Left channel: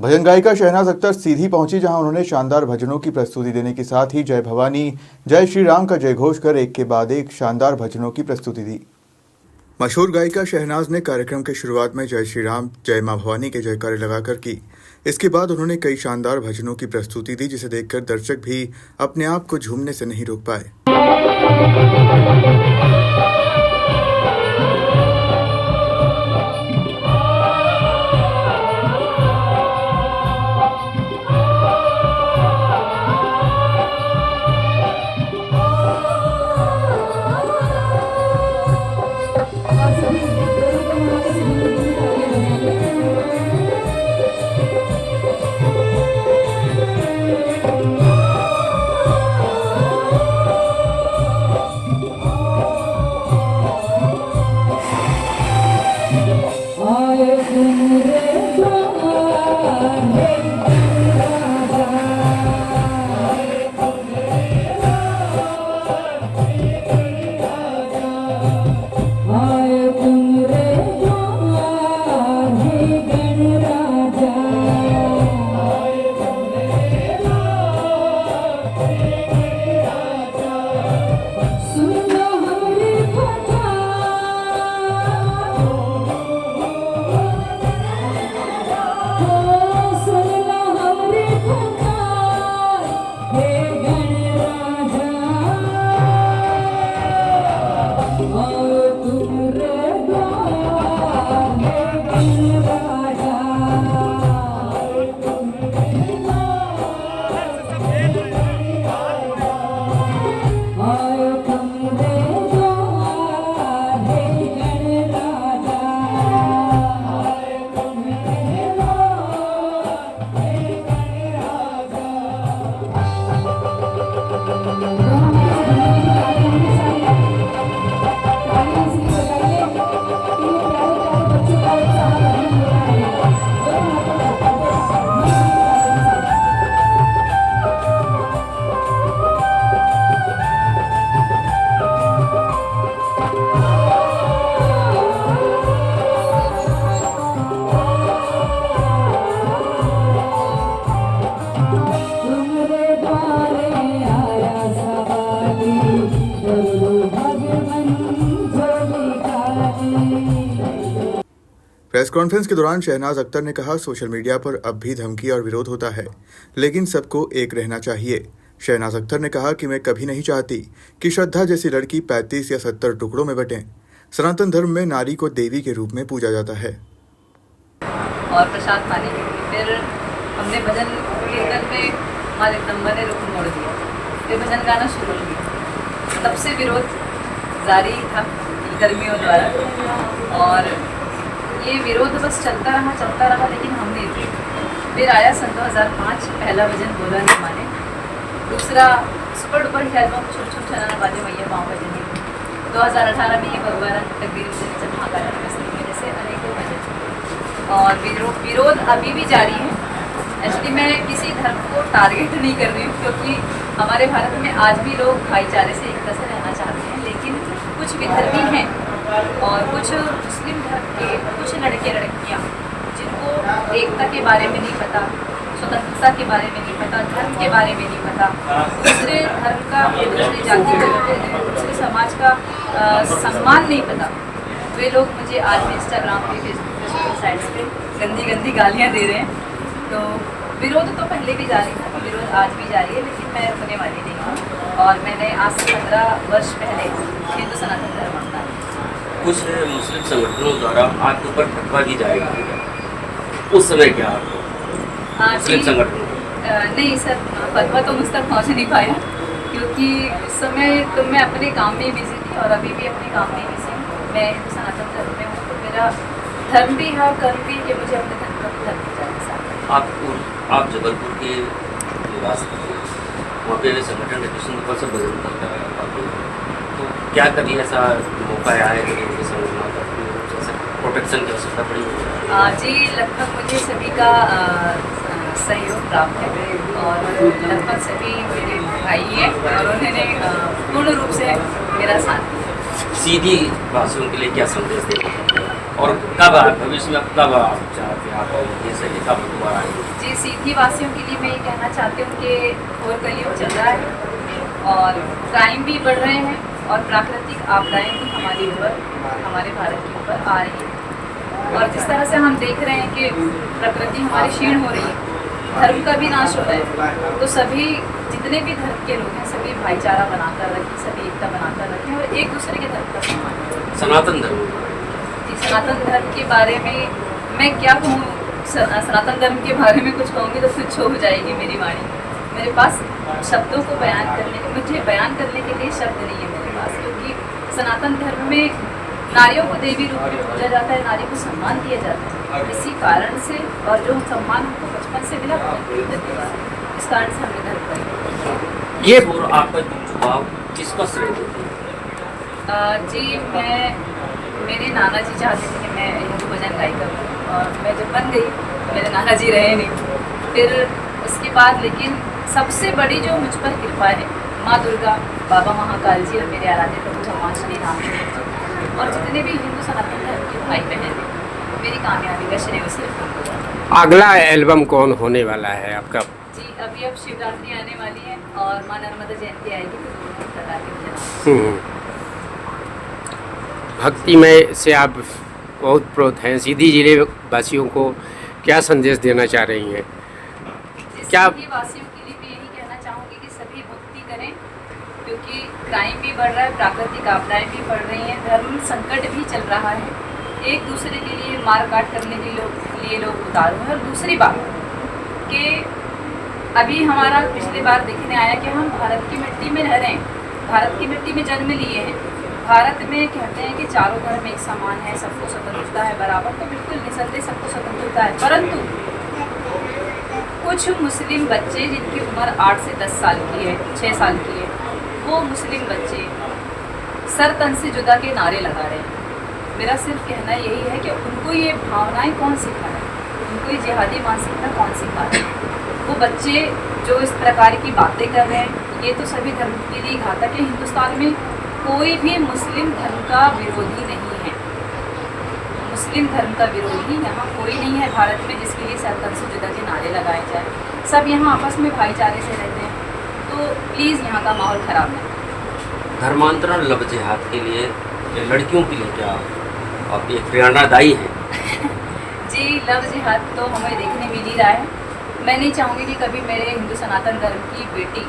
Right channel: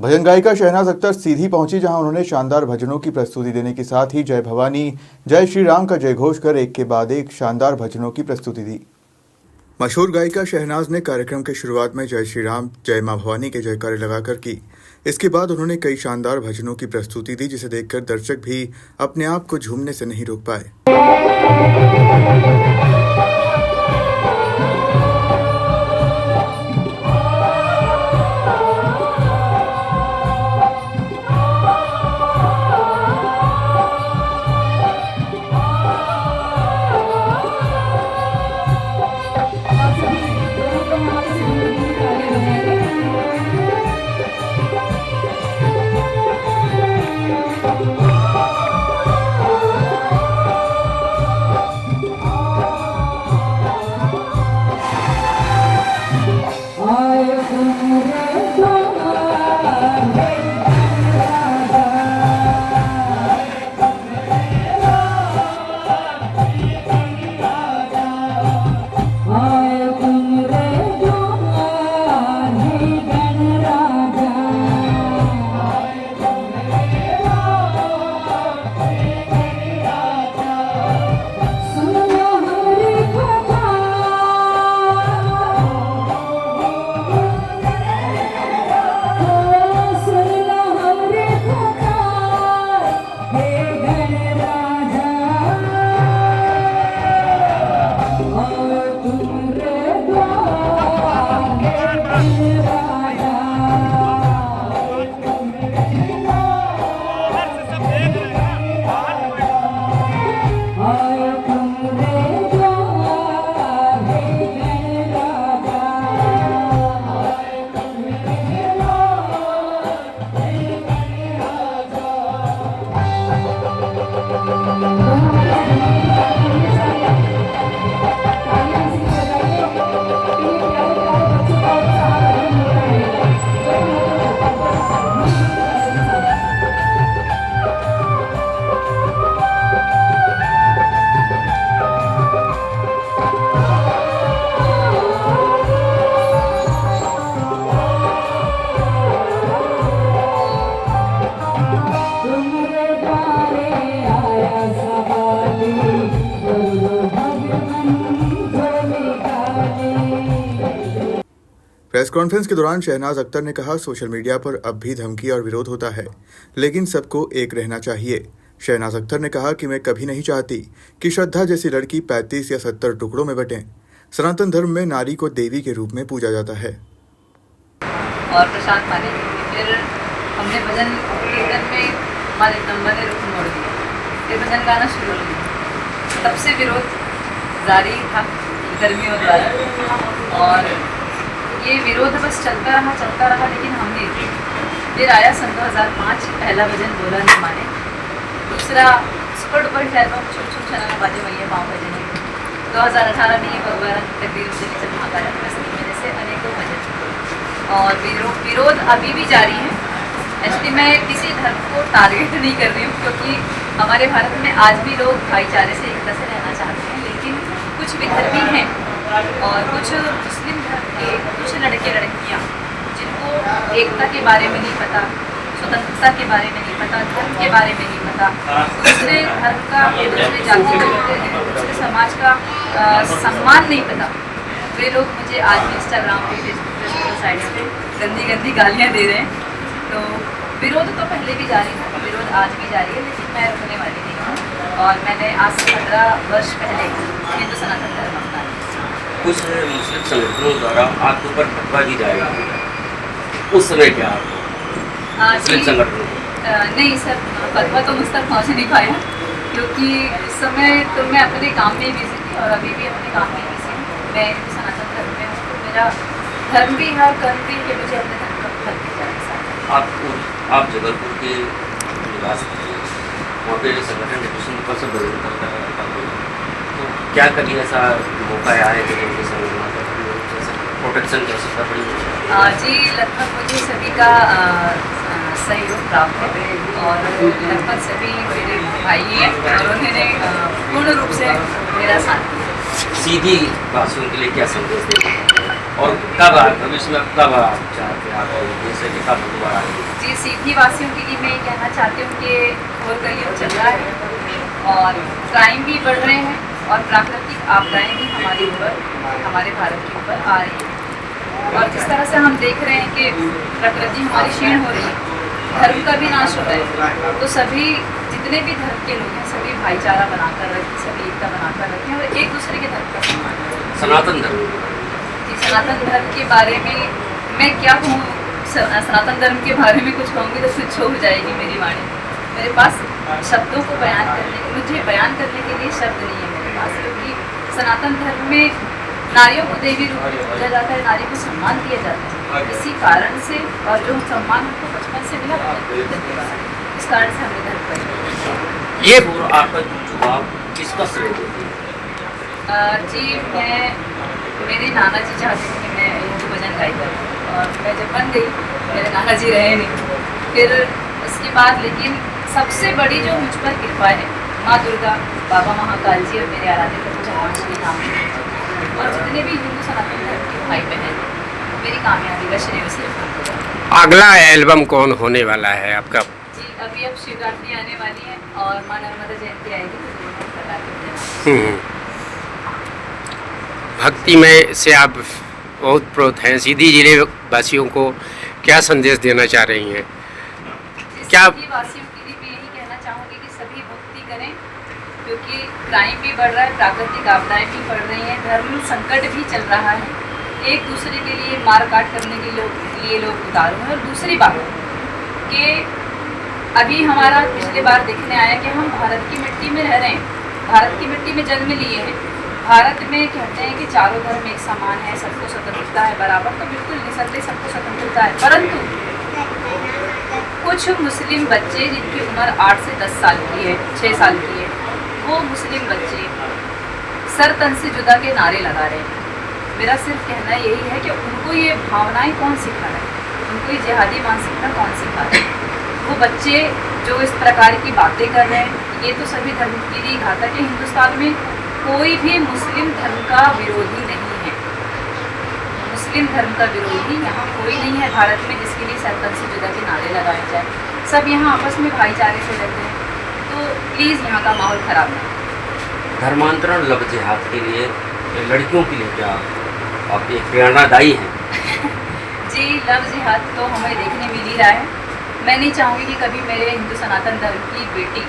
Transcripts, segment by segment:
भजन गायिका शहनाज अख्तर सीधी पहुंची, जहां उन्होंने शानदार भजनों की प्रस्तुति देने के साथ ही जय भवानी जय श्री राम का जयघोष कर एक के बाद एक शानदार भजनों की प्रस्तुति दी। मशहूर गायिका शहनाज ने कार्यक्रम के शुरुआत में जय श्री राम जय मां भवानी के जयकारे लगाकर की। इसके बाद उन्होंने कई शानदार भजनों की प्रस्तुति दी, जिसे देखकर दर्शक भी अपने आप को झूमने से नहीं रोक पाए। प्रेस कॉन्फ्रेंस के दौरान शहनाज अख्तर ने कहा, सोशल मीडिया पर अब भी धमकी और विरोध होता है, लेकिन सबको एक रहना चाहिए। शहनाज अख्तर ने कहा कि मैं कभी नहीं चाहती कि श्रद्धा जैसी लड़की 35 या 70 टुकड़ों में बटें। सनातन धर्म में नारी को देवी के रूप में पूजा जाता है। और प्रसाद खाने फिर हमने भजन कीर्तन में मालिक नंबर ने रुख मोड़ दिया, फिर भजन गाना शुरू हो गया। तब से विरोध जारी था कर्मियों द्वारा, और ये विरोध बस चलता रहा। लेकिन हमने फिर आया सन 2005 पहला भजन बोला है माने, दूसरा सुपर डुपर शहरों में छुप छुप चलाना बाजे मैया पाँव भजन। 2018 में ये भगवान तकदीर से महाकाल में जैसे अनेकों भजन, और विरोध अभी भी जारी है। एक्चुअली मैं किसी धर्म को टारगेट नहीं कर रही हूँ, क्योंकि हमारे भारत में आज भी लोग भाईचारे से एकता से रहना चाहते हैं, लेकिन कुछ विधर्मी हैं और कुछ मुस्लिम धर्म के कुछ लड़के लड़कियाँ जिनको एकता के बारे में नहीं पता, स्वतंत्रता के बारे में नहीं पता, धर्म के बारे में नहीं पता, दूसरे धर्म का, दूसरे जाति का, दूसरे समाज का सम्मान नहीं पता, वे लोग मुझे आज भी इंस्टाग्राम पे, फेसबुक पे, साइट्स पे गंदी गंदी गालियाँ दे रहे हैं। तो विरोध तो पहले भी जारी था, विरोध आज भी जारी है, लेकिन मैं रुकने वाली नहीं हूँ। और मैंने आज से 15 वर्ष पहले हिंदू सनातन धर्म अपनाया। कुछ मुस्लिम संगठनों द्वारा आपके ऊपर फतवा दी जाएगी, उस समय क्या मुस्लिम संगठनों नहीं सर, फतवा तो मुझ तक पहुँच नहीं पाया, क्योंकि इस समय तो मैं अपने काम में बिजी थी और अभी भी अपने काम में बिजी हूँ। मैं हिंदू सनातन धर्म में हूँ, तो मेरा धर्म भी है, कर्म भी कि मुझे अपने धर्म पर फल दिया जाए। आप जबलपुर के निवासी थे, वहाँ पे संगठन कृष्ण से बदल तो क्या कभी ऐसा मौका आया है कि प्रोटेक्शन कर सकता है? जी, लगभग मुझे सभी का सहयोग प्राप्त है, और लगभग सभी मेरे भाई हैं और उन्होंने पूर्ण रूप से मेरा साथ दिया। सीधी वासियों के लिए क्या संदेश देंगे, और कब भविष्य में कब आप चाहते हैं, आप जैसे कि कब हुआ जी सीधी वासियों के लिए मैं ये कहना चाहती हूँ कि घोर कलयुग चल रहा है और क्राइम भी बढ़ रहे हैं और प्राकृतिक आपदाएं भी हमारे ऊपर, हमारे भारत के ऊपर आ रही हैं। और जिस तरह से हम देख रहे हैं कि प्रकृति हमारी क्षीण हो रही है, धर्म का भी नाश हो रहा है, तो सभी जितने भी धर्म के लोग हैं सभी भाईचारा बनाकर रखें, सभी एकता बनाकर रखें और एक दूसरे के धर्म का सम्मान करें। सनातन धर्म, जी सनातन धर्म के बारे में मैं क्या कहूँ, सनातन धर्म के बारे में कुछ कहूँगी तो तुच्छ हो जाएगी मेरी वाणी। मेरे पास शब्दों को बयान करने, मुझे बयान करने के लिए शब्द नहीं है मेरे पास, क्योंकि सनातन धर्म में नारियों को देवी रूप में पूजा जाता है, नारी को सम्मान दिया जाता है। इसी कारण से, और जो सम्मान हमको बचपन से मिला वो देगा, इस कारण से हमने धर्म पर ये आपका जवाब किसका श्रेय देती है? जी मेरे नाना जी चाहते थे कि मैं हिंदू भजन गाई करूँ और मैं जब बन गई, मेरे नाना जी रहे नहीं, फिर उसके बाद लेकिन सबसे बड़ी जो मुझ पर कृपा है माँ दुर्गा, बाबा महाकाल जी और मेरे आराध्य प्रभु भगवान श्री राम और जितने भी हिंदू सनातन धर्म के भाई बहन, मेरी कामयाबी का श्रेय उसे हो जाता है। अगला एल्बम कौन होने वाला है आपका? जी अभी अब शिवरात्रि आने वाली है और माँ नर्मदा जयंती आएगी तो दोनों बताते हैं। भक्तिमय से आप बहुत प्रोत हैं, सीधी जिले वासियों को क्या संदेश देना चाह रही हैं? क्या सभी वासियों के लिए मैं यही कहना चाहूँगी कि सभी भक्ति करें, क्योंकि क्राइम भी बढ़ रहा है, प्राकृतिक आपदाएं भी बढ़ रही हैं, धर्म संकट भी चल रहा है, एक दूसरे के लिए मार काट करने के लिए लोग उतारू हैं। और दूसरी बात कि अभी हमारा पिछले बार देखने आया कि हम भारत की मिट्टी में रह रहे हैं, भारत की मिट्टी में जन्म लिए हैं, भारत में कहते हैं कि चारों धर्म एक समान है, सबको स्वतंत्रता है, बराबर तो बिल्कुल नहीं सकते, सबको स्वतंत्रता है, परंतु कुछ मुस्लिम बच्चे जिनकी उम्र 8 से 10 साल की है, 6 साल की है, वो मुस्लिम बच्चे सर तन से जुदा के नारे लगा रहे हैं। मेरा सिर्फ कहना यही है कि उनको ये भावनाएं कौन सिखा रहा है, उनको ये जिहादी मानसिकता कौन सिखा रहा है? वो बच्चे जो इस प्रकार की बातें कर रहे हैं, ये तो सभी धर्म के लिए घातक है। हिंदुस्तान में कोई भी मुस्लिम धर्म का विरोधी नहीं है, मुस्लिम धर्म का विरोधी यहाँ कोई नहीं है भारत में जिसके लिए सरपंच से जुदा के नारे लगाए जाए। सब यहाँ आपस में भाईचारे से रहते हैं, तो प्लीज़ यहाँ का माहौल ख़राब नहीं। धर्मांतरण लव जिहाद के लिए लड़कियों के लिए क्या आपकी प्रेरणादायी है? जी लव जिहाद तो हमें देखने मिल ही रहा है। मैं नहीं चाहूँगी कि कभी मेरे हिंदू सनातन धर्म की बेटी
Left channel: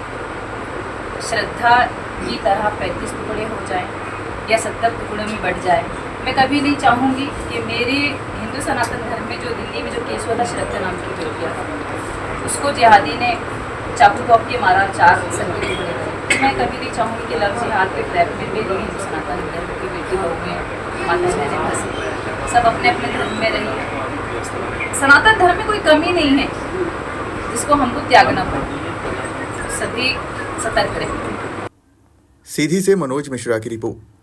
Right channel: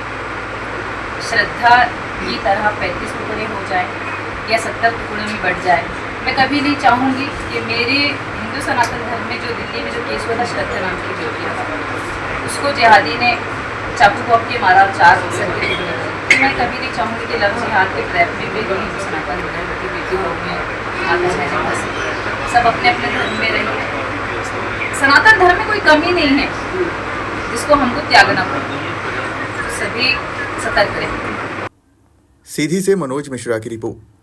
श्रद्धा की तरह 35 टुकड़े हो जाए या 70 टुकड़ों में बढ़ जाए। मैं कभी नहीं चाहूँगी कि मेरे हिंदू सनातन धर्म में जो दिल्ली में जो केस हुआ था श्रद्धा नाम की बेटियाँ, उसको जिहादी ने चाकू कॉप के मारा और 4 संख्या दी। मैं कभी नहीं चाहूँगी कि लव जिहाद के ट्रैप में मेरी हिंदू सनातन धर्म की बेटी हो गए, माता बहनें फंसी, सब अपने अपने धर्म में रहें। सनातन धर्म में कोई कमी नहीं है जिसको हमको त्यागना पड़े, सभी सतर्क रहें। सीधी से मनोज मिश्रा की रिपोर्ट।